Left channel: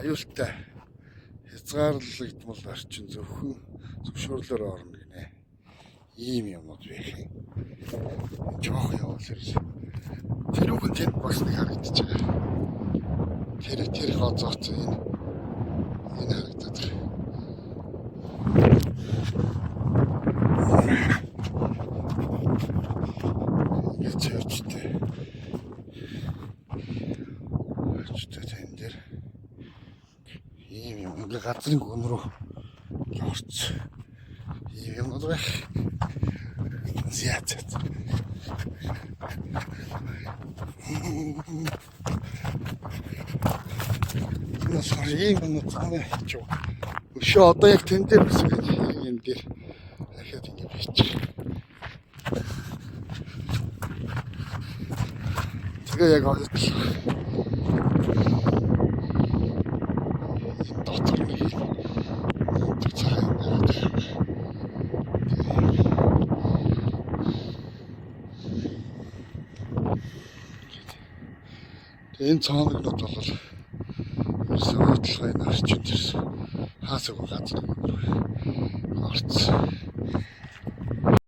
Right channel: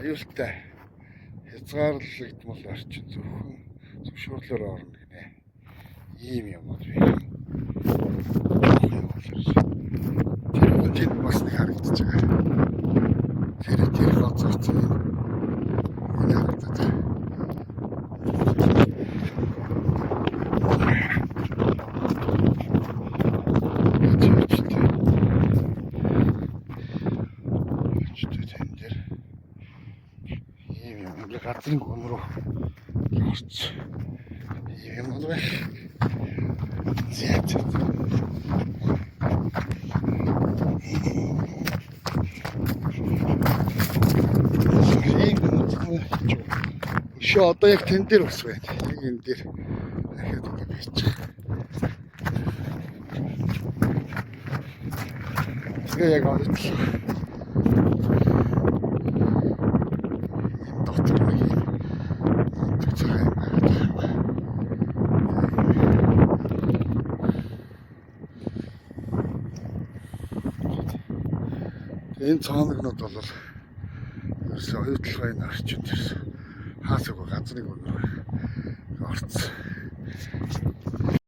Аюултай хязгаарлагдмал орчин зөвхөн зөвшөөрлөөр орно гинэ. Ийм юмуд байх. Жоох явуул ирж. Тэр үгэнд бас нэг харагдаж байгаа. Тэр гоцооц энэ харагдаад байна. Газрын гүн рүү орц. Ийм бол байх. Зяат. Ийм цаана хийчих. Өшөө одоо яг тэн дээр бас байна. Ийм дээр дахиад ингэ бийчих. Тэгээ яг олдсон. Энэ цаанагнууд бол ерөөсөө хөдөлгөөний орчин дээрс хаасаг газрын өнөр орцсон.